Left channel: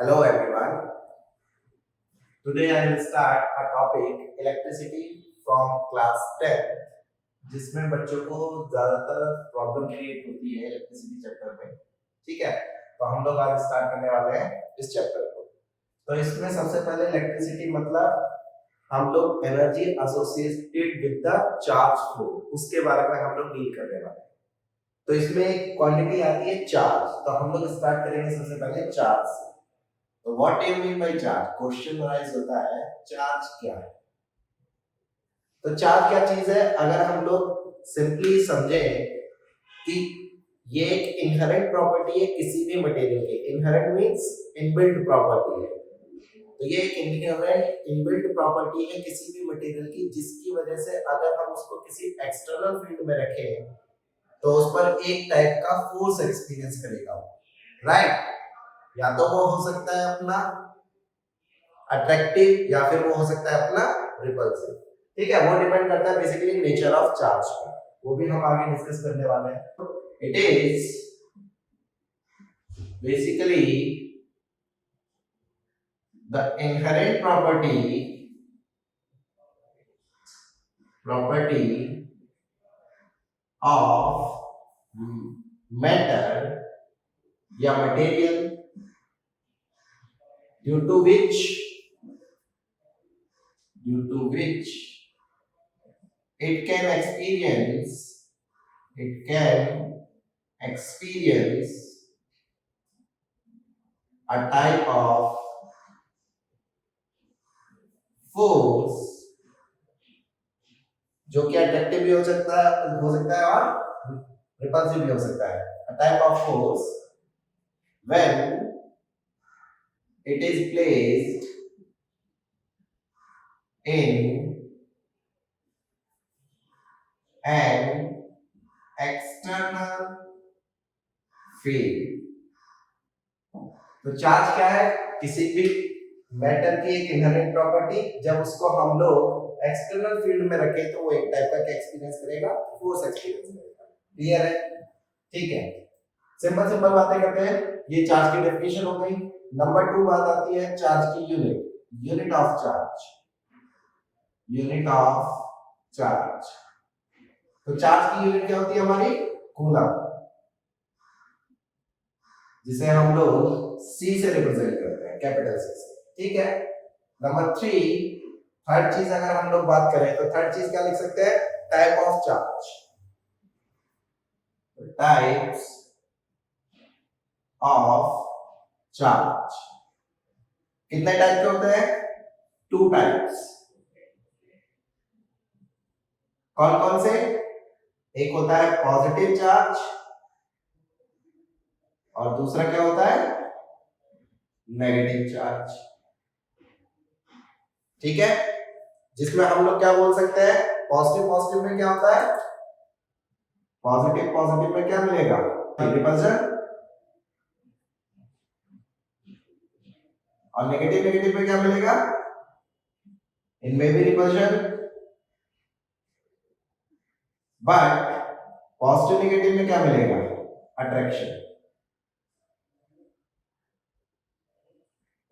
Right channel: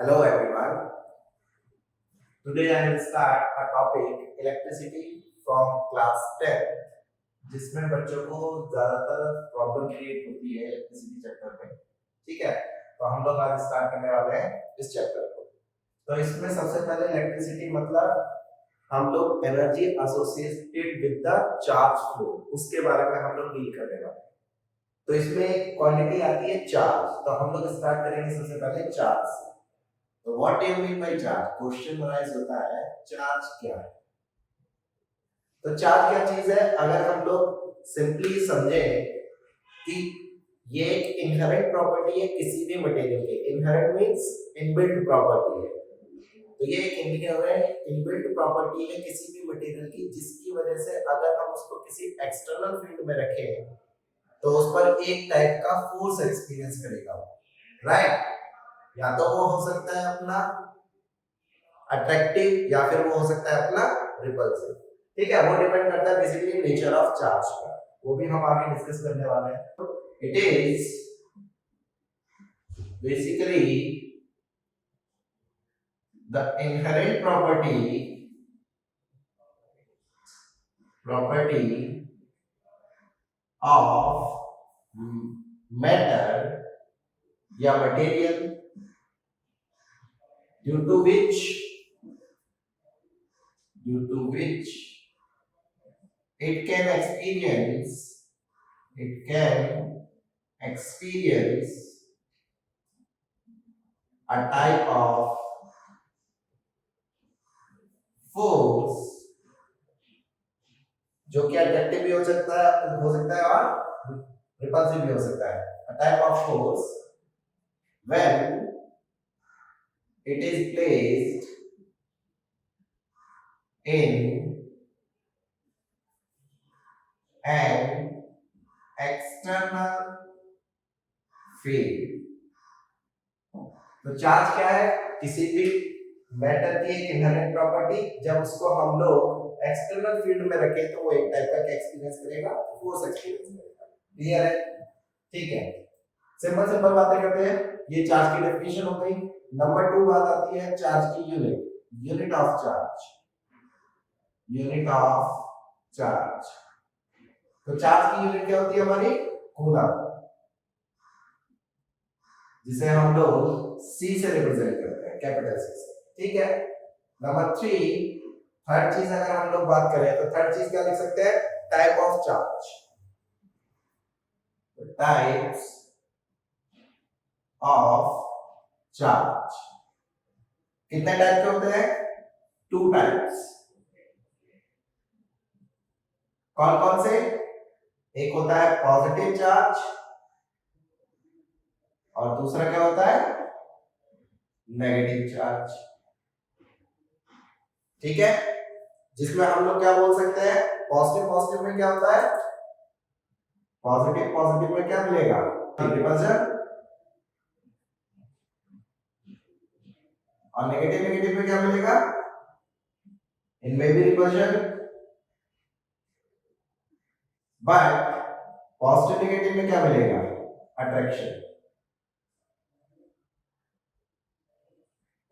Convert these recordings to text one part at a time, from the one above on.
Hello everyone. Today I will start a topic electricity from class 10 जिसमें बच्चों को ज्यादातर प्रॉब्लम क्रिएट होती है इलेक्ट्रिसिटी चैप्टर में। ठीक है, तो हम लोग आज स्टार्ट करने वाले हैं इस चैप्टर को। तो इसमें सबसे पहले इलेक्ट्रिसिटी मतलब हम लोग energy associated with the charge flow, उसके बारे में हम लोग डील करने वाले हैं। तो इसमें एक क्वांटिटी आती है चार्ज, तो हम लोग स्टार्ट करेंगे सबसे पहले चार्ज से। तो what do you mean by charge? Question rise होता है चार्ज क्या है। तो चार्ज क्या चीज है? अगर हम लोग सिंपली समझें कि ये एक इनहेरेंट प्रॉपर्टी है किसी भी मटेरियल के। इनहेरेंट मींस इनबिल्ट प्रॉपर्टी है। तो ये एक इनहेरेंट इनबिल्ट प्रॉपर्टी है किसी भी मटेरियल की, जिसकी वजह से अगर हम उसको किसी एक्सटर्नल फील्ड में रखें तो उस पर एक टाइप का फोर्स एक्सपीरियंस करेगा, राइट? या तो वो हो सकता है अपना अट्रैक्टिव या फिर वो हो सकता है अपना रिपल्सिव। ठीक है, वो डिपेंड करता है बेसिकली नेचर ऑफ चार्ज पर, वो भी हम आगे डिस्कस करने वाले हैं। It is basically the inherent property of matter या material due to which it can experience a type of force जो कि अट्रैक्टिव भी हो सकता है और रिपल्सिव भी हो सकता है। a type of force when it is placed in an external field। तो चार्ज क्या है? किसी भी मैटर की एक इनहेरेंट प्रॉपर्टी, जब उसको हम लोग एक्सटर्नल फील्ड में रखें तो वो एक टाइप का एक्सपीरियंस करेगा, फोर्स एक्सपीरियंस करेगा। क्लियर है? ठीक है, सिंपल सिंपल बातें करते हैं। ये चार्ज की डेफिनेशन हो गई। नंबर 2 बात आती है चार्ज की यूनिट ऑफ चार्ज। तो चार्ज की यूनिट क्या होती है हमारी? कूलम, जिसे हम लोग सी से रिप्रेजेंट करते हैं, कैपिटल सी से। ठीक है, नंबर 3 थर्ड चीज अगर हम लोग बात करें तो थर्ड चीज क्या लिख सकते हैं? Type of charge. Types of charge कितने टाइप के होते हैं? 2 टाइप्स। कौन कौन से? एक होता है पॉजिटिव चार्ज और दूसरा क्या होता है? Negative charge. ठीक है, जिसमें हम लोग क्या बोल सकते हैं? पॉजिटिव में क्या होता है? पॉजिटिव में क्या मिलेगा? रिपल्शन। और नेगेटिव में क्या मिलेगा? इनमें भी रिपल्शन, बट पॉजिटिव नेगेटिव में क्या मिलेगा? अट्रैक्शन।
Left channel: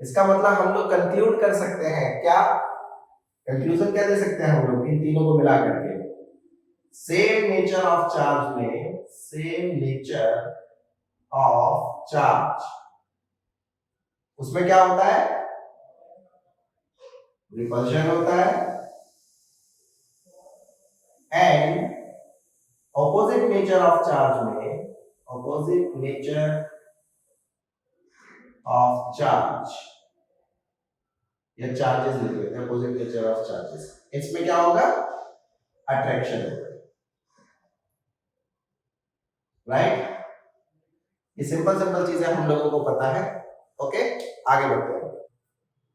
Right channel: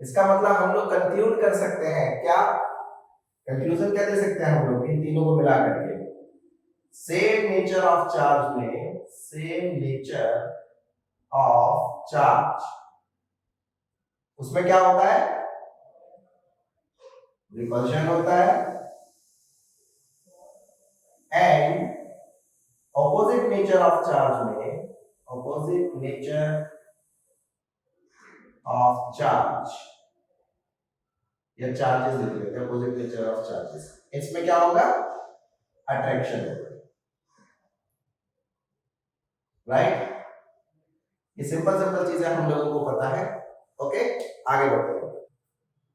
इसका मतलब हम लोग कंक्लूड कर सकते हैं क्या? कंक्लूजन क्या दे सकते हैं हम लोग इन तीनों को मिला करके? सेम नेचर ऑफ चार्ज उसमें क्या होता है? रिपल्शन होता है। And opposite nature of charge या चार्जेस लिख लेते हैं, ऑपोजिट नेचर ऑफ चार्जेस, इसमें क्या होगा? अट्रैक्शन होगा, राइट? ये सिंपल चीजें हम लोगों को पता है। ओके, आगे बढ़ते हैं।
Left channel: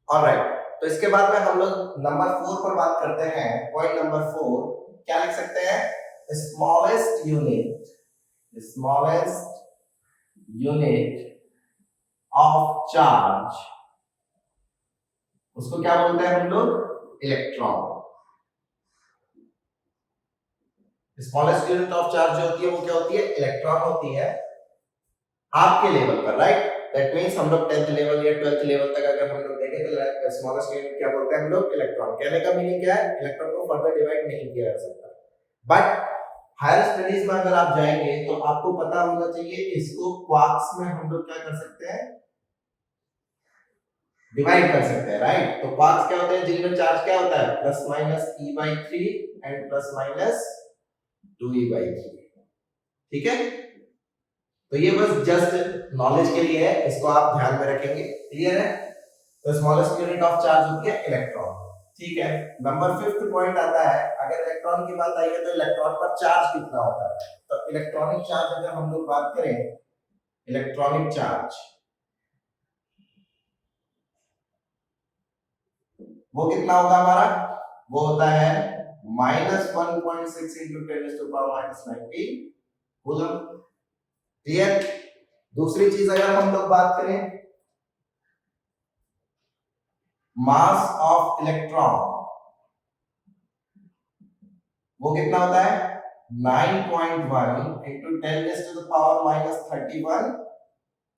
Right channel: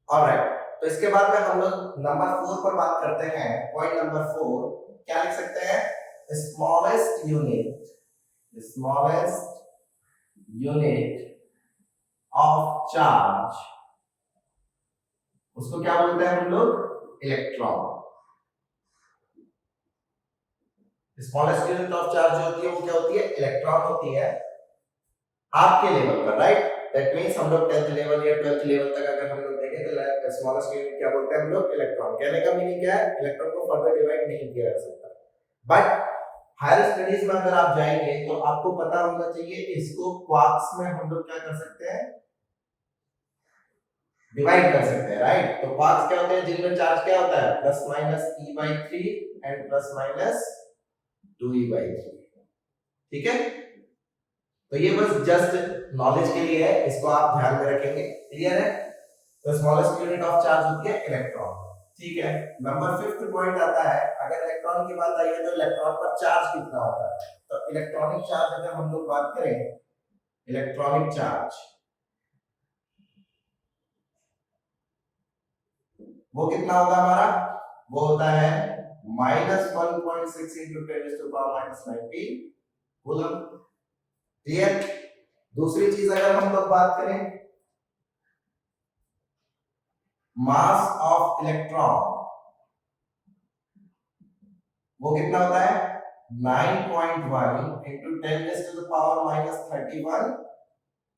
ऑलराइट, तो इसके बाद में हम लोग नंबर 4 पर बात करते हैं। पॉइंट नंबर 4 क्या लिख सकते हैं? स्मॉलेस्ट यूनिट ऑफ चार्ज, उसको क्या बोलते हैं हम लोग? Electron. Smallest unit of charge जो होती है वो क्या होती है? इलेक्ट्रॉन होती है, आपके लेवल पर, राइट? दैट मींस हम लोग 10th लेवल या 12th लेवल तक अगर हम लोग देखें तो स्मॉलेस्ट यूनिट क्या बोलते हैं हम लोग, इलेक्ट्रॉन। कहने का मीनिंग क्या है, इलेक्ट्रॉन को फर्दर डिवाइड नहीं किया जा सकता। बट हायर स्टडीज में अगर आप जाएंगे तो आपको पता होना चाहिए इसको क्वार्क्स में हम लोग क्या कर सकते हैं, डिवाइड कर सकते हैं, राइट। तो क्वार्क्स क्या होते हैं, जिनका चार्ज क्या होता है plus minus e/3 and plus minus 2e/3, ठीक है। तो ये बस जस्ट नॉलेज के लिए है, इसको आप ध्यान में रखेंगे, क्लियर है। तो स्मॉलेस्ट यूनिट ऑफ चार्ज होती है इलेक्ट्रॉन, ठीक है। नंबर 5th पॉइंट आता है, अगर इलेक्ट्रॉन की बात आई है तो इलेक्ट्रॉन पर चार्ज कितना होता है। तो इलेक्ट्रॉनिक चार्ज अगर हम लोग बात करें, इलेक्ट्रॉनिक चार्ज वो कितना होगा हमारा, वो होता है -1.6 × 10⁻⁻⁹ कूलम, क्लियर। दूसरी चीज अगर हम लोग बात करें, मास ऑफ इलेक्ट्रॉन वो कितना होता है 9.1 × 10⁻⁻31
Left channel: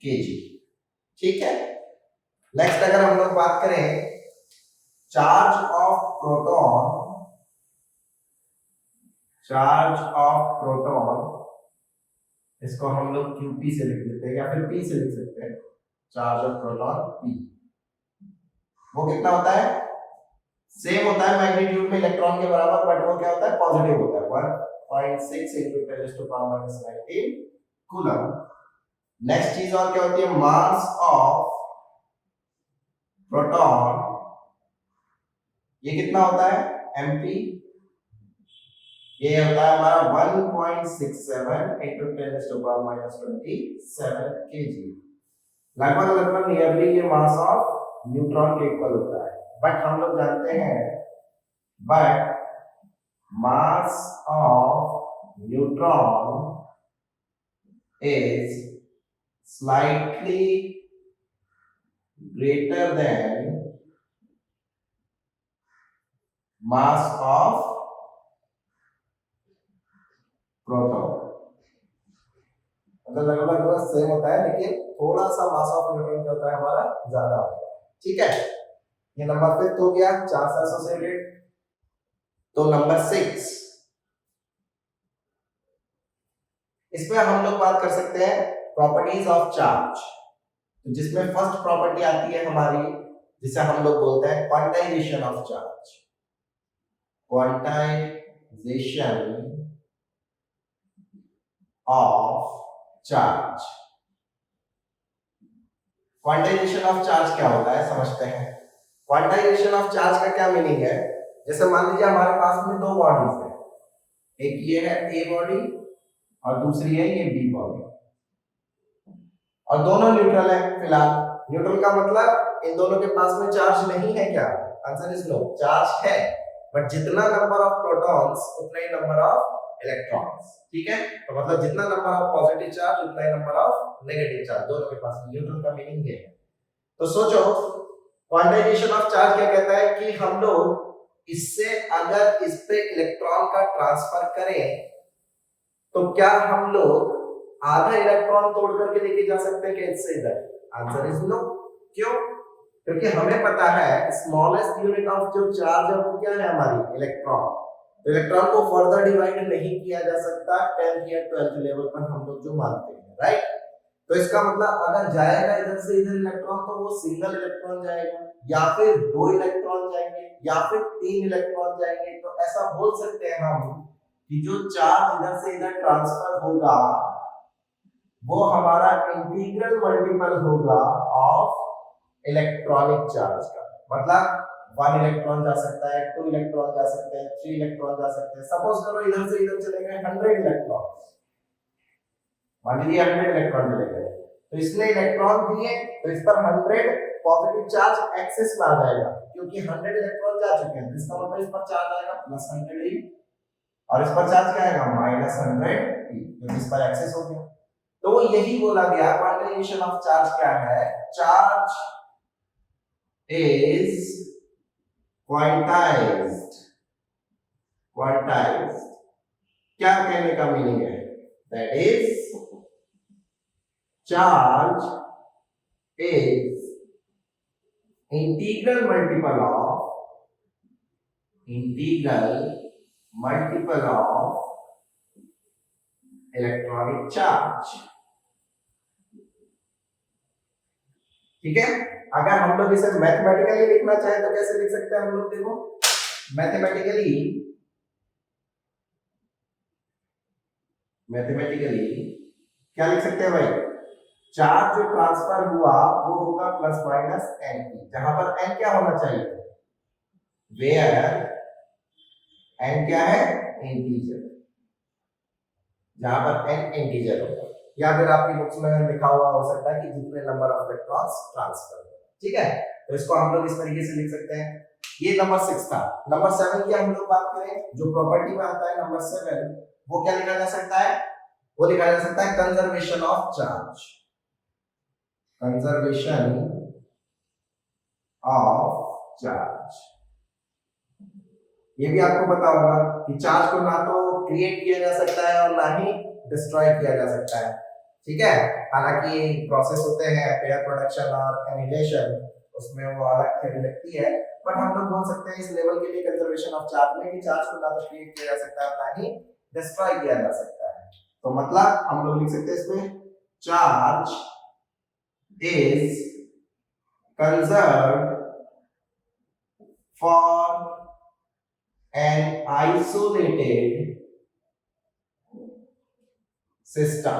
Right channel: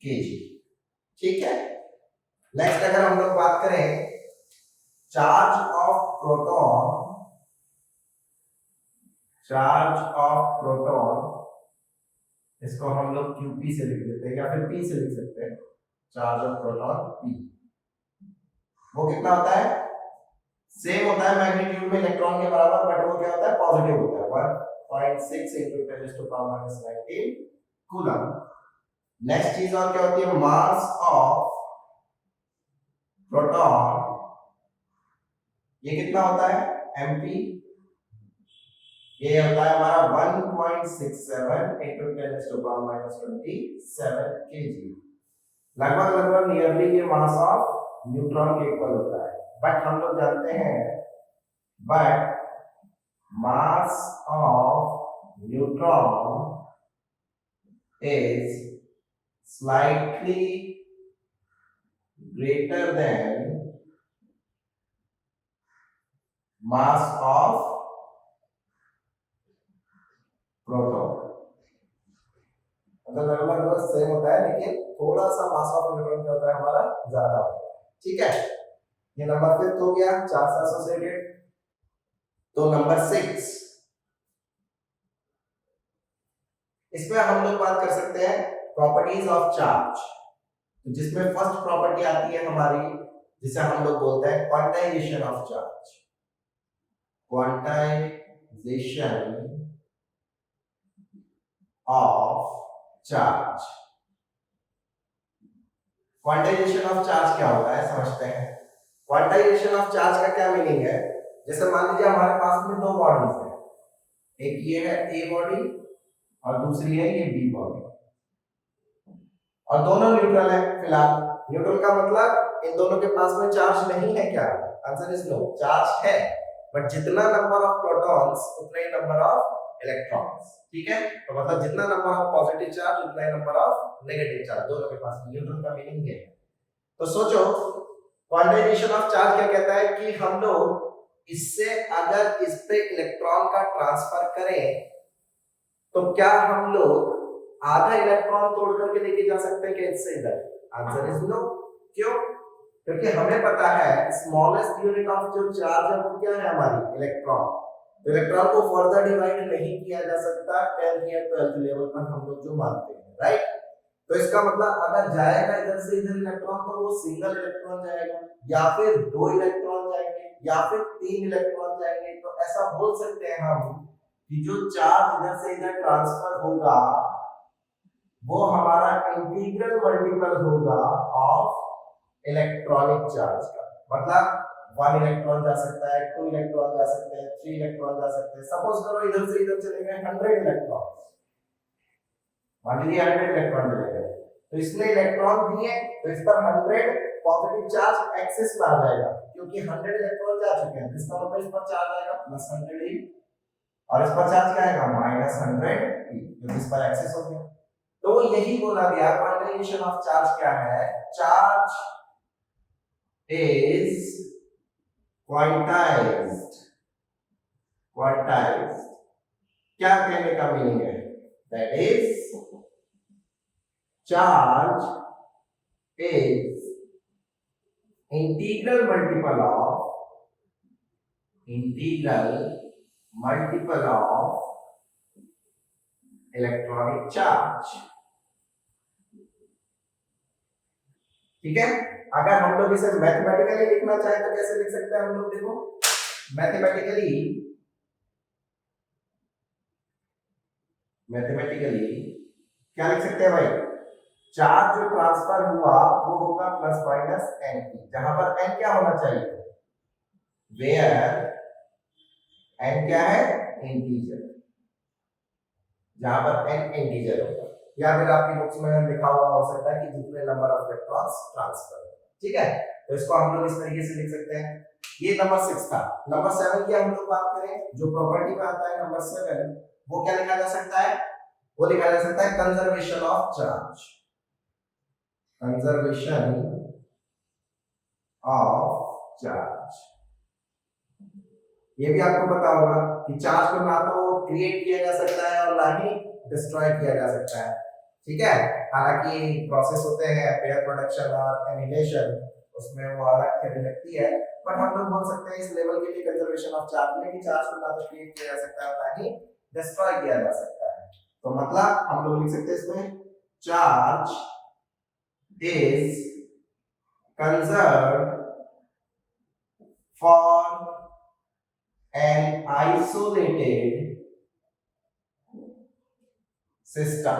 kg, ठीक है। नेक्स्ट अगर हम लोग बात करें charge of proton, charge of proton इसको हम लोग QP से लिख लेते हैं या फिर P से लिख सकते हैं, चार्ज ऑफ प्रोटॉन P, वो कितना होता है, सेम होता है मैग्नीट्यूड में इलेक्ट्रॉन के बराबर, बट वो क्या होता है पॉजिटिव होता है, 1.6 × 10⁻⁻⁹ कूलम। नेक्स्ट चीज और क्या होती है, मास ऑफ प्रोटॉन, ये कितना होता है mp, ये होता है हमारा 1.67 × 10⁻⁻27 kg, लगभग नियरली ये मास ऑफ न्यूट्रॉन के इक्वल होता है। बट हम लोग जानते हैं, but mass of neutron is slightly greater than mass of proton, मतलब लगभग सेम होता है, लेकिन थोड़ा सा मास ऑफ न्यूट्रॉन क्या होता है हमारा ज्यादा होता है, ठीक है। ये नंबर 5 हो गया, चार से एसोसिएटेड। तो नंबर 6, इसमें हम लोग बात कर सकते हैं प्रॉपर्टीज ऑफ चार्ज, जिसमें फर्स्ट प्रॉपर्टी आती है हमारी, जिसे हम लोग बोलते हैं quantization of charge, quantization of charge. Quantization of charge क्या होता है समझते हैं। क्वांटाइजेशन ऑफ चार्ज का क्या मीनिंग है, जैसे मान लीजिए हमारे पास में दो बॉडीज है, एक ये है ए बॉडी और दूसरी है ये बी बॉडी, और दोनों न्यूट्रल है फिलहाल। न्यूट्रल का मतलब इन दोनों के पास में चार्ज नहीं है क्या, आंसर इज नो, चार्ज है, बट जितना नंबर ऑफ प्रोटॉन्स उतना ही नंबर ऑफ इलेक्ट्रॉन्स, ठीक है। तो मतलब जितना नंबर ऑफ पॉजिटिव चार्ज उतना ही नंबर ऑफ नेगेटिव चार्ज दोनों के पास। न्यूट्रल का मीनिंग ये है। तो सोचो क्वांटाइजेशन ऑफ चार्ज क्या कहता है कि हम लोग इससे अगर इस पे इलेक्ट्रॉन का ट्रांसफर करें तो क्या हम लोग आधा इलेक्ट्रॉन तोड़ करके लेके जा सकते हैं क्या इससे इधर, आंसर इज नो। क्यों, क्योंकि हमें पता है स्मॉलेस्ट यूनिट ऑफ जो चार्ज है वो क्या है हमारी इलेक्ट्रॉन। तो इलेक्ट्रॉन को फर्दर डिवाइड नहीं किया जा सकता 10th या 12th लेवल पर हम लोग जो मानते हैं, राइट। तो इसका मतलब अगर जाएगा इधर से इधर इलेक्ट्रॉन तो वो सिंगल इलेक्ट्रॉन जाएगा, या फिर 2 इलेक्ट्रॉन जाएंगे, या फिर 3 इलेक्ट्रॉन जाएंगे। तो ऐसा बोल सकते हैं हम कि जो चार्ज इधर से इधर ट्रांसफर होगा वो हमारा इंटीग्रल मल्टीपल होगा ऑफ इलेक्ट्रॉनिक चार्ज का। मतलब 1 इलेक्ट्रॉन जा सकता है, 2 इलेक्ट्रॉन जा सकते हैं, 3 इलेक्ट्रॉन जा सकते हैं। सपोज करो इधर से इधर चले गए 100 इलेक्ट्रॉन, मान लीजिए 100 इलेक्ट्रॉन चले गए, तो इसने इलेक्ट्रॉन दिए तो इस पर 100 पॉजिटिव चार्ज एक्सेस में आ जाएगा, क्योंकि 100 इलेक्ट्रॉन जा चुके हैं। इसका मतलब इस पर चार्ज आएगा +100 e, और इस पर चार्ज क्या आएगा -100 e, क्योंकि इस पर एक्सेस हो गया। तो यही बोला गया क्वांटाइजेशन ऑफ चार्ज क्या है, चार्ज is quantized, quantized क्या कहने का मीनिंग है, that is charge is integral multiple of electronic charge. ठीक है, अगर हम लोग इसे मैथमेटिकली लिखना चाहें तो कैसे लिख सकते हैं हम लोग? देखो मैथमेटिकली क्या लिख सकते हैं भाई? चार्ज जो ट्रांसफर हुआ वो होगा प्लस माइनस एन टी, जहां पर एन क्या होना चाहिए? वेयर एन क्या है? इंटीजर, जहां पर एन इंटीजर होगा, या फिर आपकी बुक्स में लिखा हुआ हो सकता है कि जितने नंबर ऑफ इलेक्ट्रॉन्स ट्रांसफर। ठीक है, तो इसको हम लोग इस तरीके से लिख सकते हैं। ये नंबर 6 था। नंबर 7 की हम लोग बात करें, जो प्रॉपर्टी में आता है नंबर 7, वो क्या लिखा जा सकता है? वो लिखा जा सकता है conservation of charge. Conservation of charge, ये भी आपको पता होगा कि चार्ज को ना तो क्रिएट किया जा सकता है और ना ही डिस्ट्रॉय किया जा सकता है। ठीक है, हालांकि प्रोसेस होते हैं पेयर प्रोडक्शन और एनिहिलेशन, उसमें वो अलग थ्योरी लगती है, बट हम लोग बोल सकते हैं इस लेवल के लिए कंजर्वेशन ऑफ चार्ज में कि चार्ज को ना तो क्रिएट किया जा सकता है ना ही डिस्ट्रॉय किया जा सकता है। तो मतलब हम लोग लिख सकते हैं इसमें charge is conserved for an isolated system।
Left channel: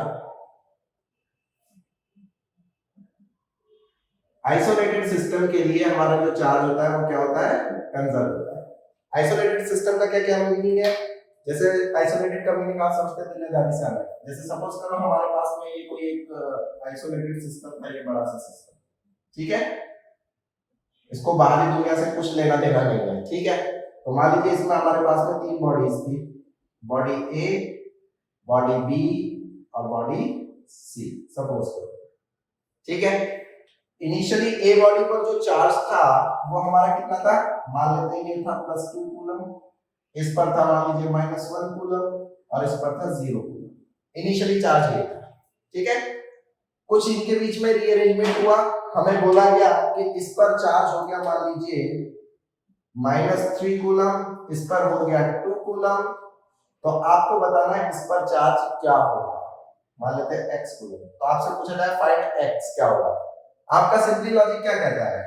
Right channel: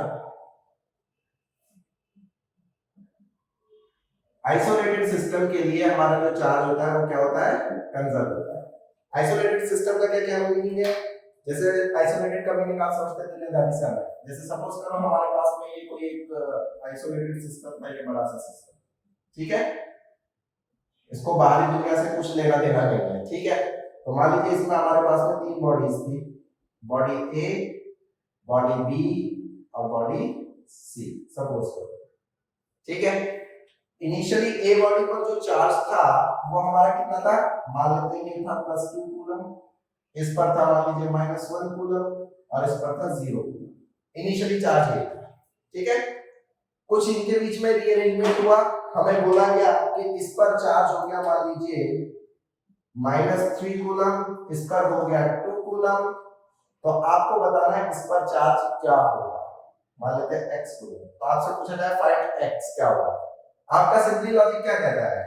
Isolated system के लिए हमारा जो चार्ज होता है वो क्या होता है? कंजर्व होता है। आइसोलेटेड सिस्टम का क्या क्या मीनिंग है? जैसे आइसोलेटेड का मीनिंग आप समझते हैं दिलदारी से हमें, जैसे सपोज करो हमारे पास में ये कोई एक आइसोलेटेड सिस्टम था, ये बड़ा सा सिस्टम, ठीक है, इसको बाहरी दुनिया से कुछ लेना देना नहीं है। ठीक है, तो मान लीजिए इसमें हमारे पास में 3 बॉडीज थी, बॉडी ए, बॉडी बी और बॉडी सी, सपोज करो। ठीक है, इनिशियली ए बॉडी पर जो चार्ज था वो हमारा कितना था? मान लेते हैं ये था +2 कूलम, इस पर था मान लीजिए -1 कूलम और इस पर था 0 कूलम। इनिशियली चार्ज ये था। ठीक है, कुछ इनके बीच में रीअरेंजमेंट हुआ, हमें बोला गया कि इस पर चार्ज हो गया मान लीजिए -3 कूलम, इस पर हो गया 2 कूलम, तो आपको बताना है इस पर चार्ज क्या होगा। मान लेते हैं x कूलम, तो आपसे पूछा जाए फाइंड x क्या होगा। आपका सिंपली लॉजिक क्या कहता है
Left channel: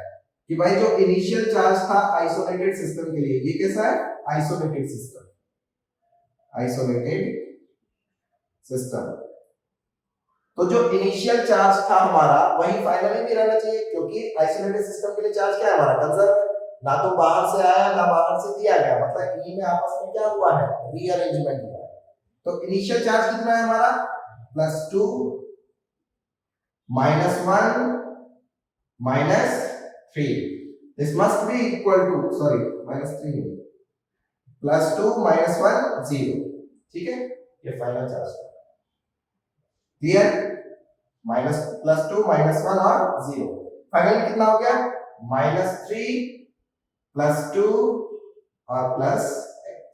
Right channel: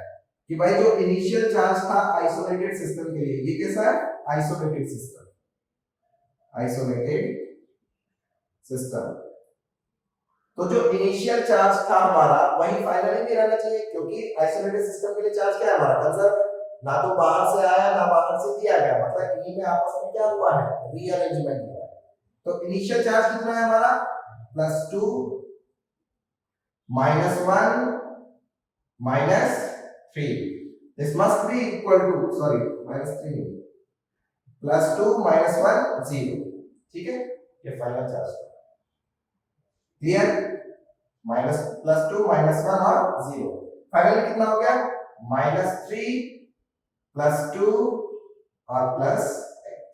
कि भाई जो इनिशियल चार्ज था आइसोलेटेड सिस्टम के लिए, ये कैसा है? आइसोलेटेड सिस्टम, आइसोलेटेड सिस्टम, तो जो इनिशियल चार्ज था हमारा वही फाइनली भी रहना चाहिए, क्योंकि आइसोलेटेड सिस्टम के लिए चार्ज क्या है हमारा? कंजर्व, ना तो बाहर से आया ना बाहर से दिया गया, मतलब ई में आपस में क्या हुआ है? रीअरेंजमेंट हुआ है। तो इनिशियल चार्ज कितना है हमारा? +2 -1 -3, this must be equal to, sorry -3 +2 -1 0। ठीक है, ये फाइनल चार्ज है। क्लियर? +2 -1 और 0, फाइनली कितना हो गया? -3 +2 और +x।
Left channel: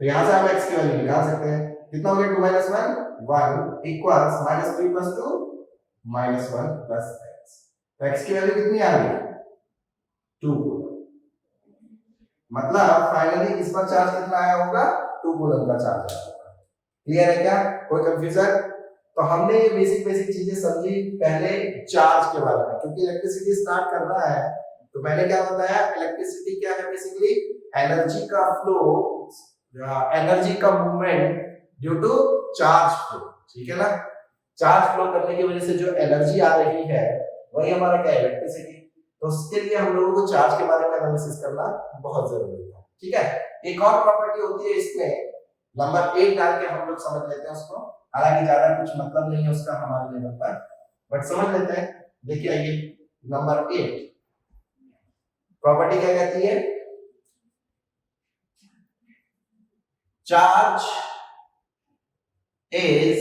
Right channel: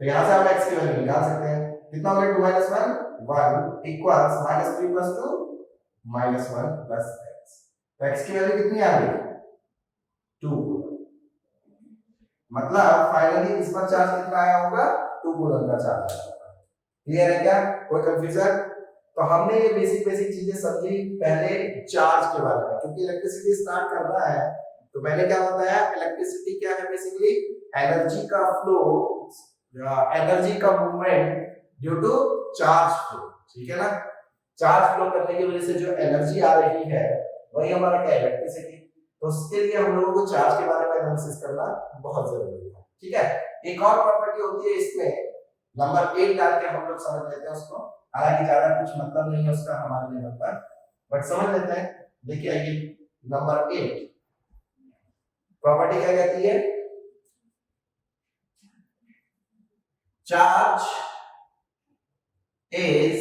तो यहां से आप x की वैल्यू निकाल सकते हैं। कितना हो गया? 2 -1 1 इक्वल्स -3 +2 -1 +x। तो x की वैल्यू कितनी आ गई? 2। मतलब फाइनली इस पर चार्ज कितना आया होगा? 2 कूलम का चार्ज आया होगा। क्लियर है क्या? कोई कंफ्यूजन? तो हमने ये बेसिक चीजें समझी पहले चार्ज के बारे में, क्योंकि इलेक्ट्रिसिटी स्टार्ट कर रहा है। तो मैंने क्या बताया? इलेक्ट्रिसिटी क्या है? बेसिकली एनर्जी का फ्लो, एनर्जी का movement due to charge flow. ठीक है ना? चार्ज फ्लो करने की वजह से जो एनर्जी आ रही है वही हमारा क्या? इलेक्ट्रिसिटी। तो उसके लिए हम लोगों को चार्ज के बारे में एनालिसिस करना बहुत जरूरी है। ठीक है, एक और प्रॉपर्टी होती है इसमें, नंबर 8 डाल के हम लोग समझ लेते हैं उसको, हालांकि ज्यादा कुछ मतलब नहीं है उसका हमारे लेवल पर, बट समझ लेते हैं। देखिए आइए, नंबर 8 प्रॉपर्टी क्या कहती है? Charge is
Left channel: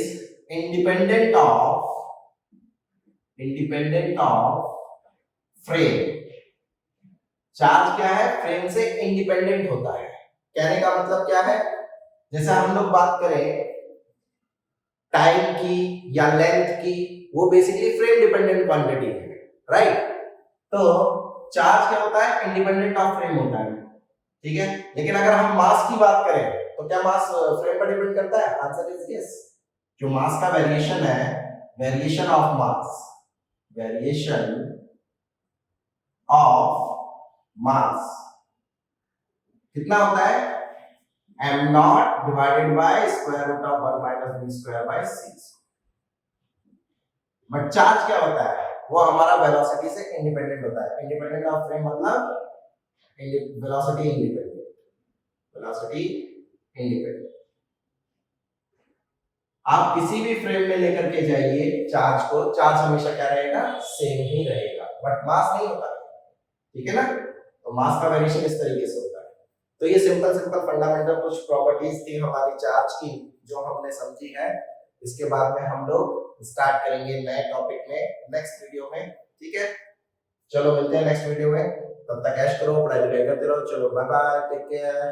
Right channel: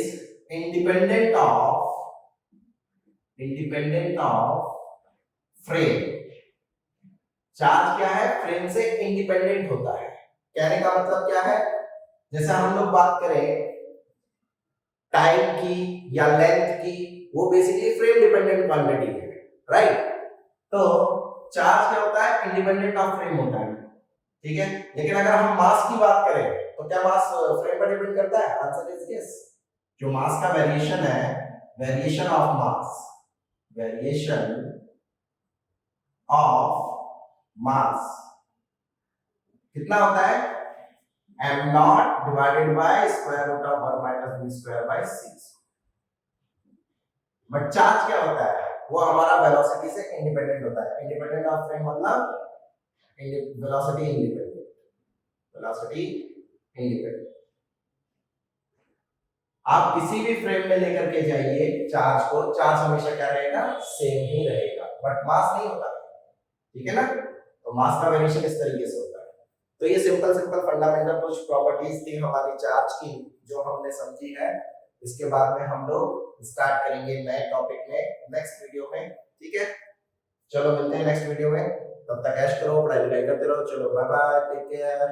independent of frame. Charge क्या है? फ्रेम से इंडिपेंडेंट होता है। कहने का मतलब क्या है? जैसे हम लोग बात करें टाइम की या लेंथ की, वो बेसिकली फ्रेम डिपेंडेंट क्वांटिटी है, राइट। तो चार्ज क्या होता है, इंडिपेंडेंट ऑफ फ्रेम होता है, ठीक है। लेकिन अगर हम मास की बात करें तो क्या मास फ्रेम पर डिपेंड करता है, आंसर इज यस। जो मास का वेरिएशन है, variation of mass, variation of mass कितना होता है, m not divided by square root of 1 minus v square by 6। But charge क्या होता है, वो हमारा वेलोसिटी से इंडिपेंडेंट होता है। इंडिपेंडेंट ऑफ फ्रेम मतलब वेलोसिटी इंडिपेंडेंट, वेलोसिटी इंडिपेंडेंट। आप किसी भी फ्रेम में लेकर के जाइए चार्ज को, चार्ज हमेशा क्या रहेगा, सेम ही रहेगा, बट मास नहीं होता, ठीक है ना। तो मास का वेरिएशन इस तरीके से होता है। तो ये सिंपल सिंपल फंडामेंटल कुछ प्रॉपर्टीज थी हमारी चार्ज की जो हमने समझी है। इसके बाद में हम लोग स्टार्ट करेंगे नए टॉपिक में नेक्स्ट वीडियो में, ठीक है। चलो मिलते हैं नेक्स्ट वीडियो में, तब तक ऐश करो, पढ़ाई लिखाई करते रहो। चलो बाय बाय, टेक केयर।